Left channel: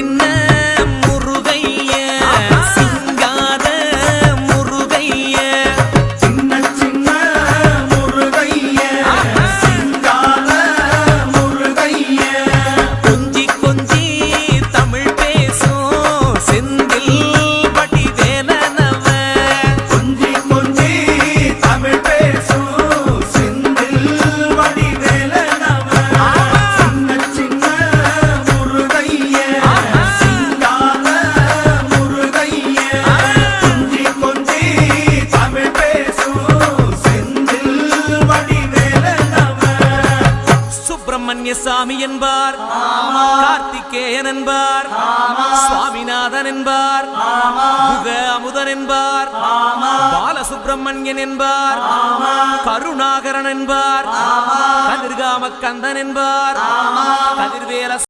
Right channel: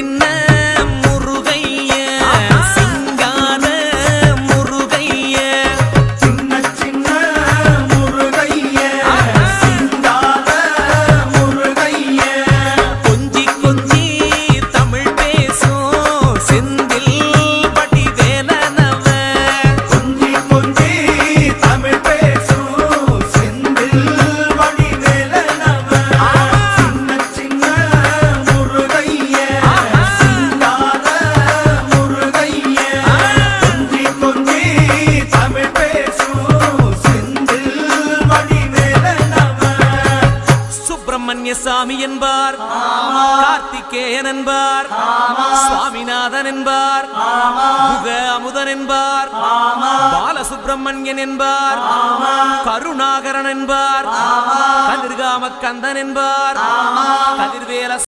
சின்ன முருகைய சிங்கார முருகைய சின்ன சின்ன முருகைய சிங்கார முருகைய கொஞ்சி கொஞ்சி தமிழ் பேசும் செந்தில் பட்டி வேலனவ கொஞ்சி கொஞ்சி தமிழ் பேசும் செந்தில் படி வேலனவ சின்ன சின்ன முருகைய சிங்கார முருகைய கொஞ்சி கொஞ்சி தமிழ் பேசும் செந்தில் படி வேலனவ சுப்பிரமணிய சாமி என்பார் கார்த்திகேயன் என்பார் சுவாமிநாதன் என்பார் முக அமுதன் என்பார் பாலசுப்பிரமணியன் என்பார் கருணாகரன் என்பார் கதிர்காம கந்தன் என்பார் கதிர்வேல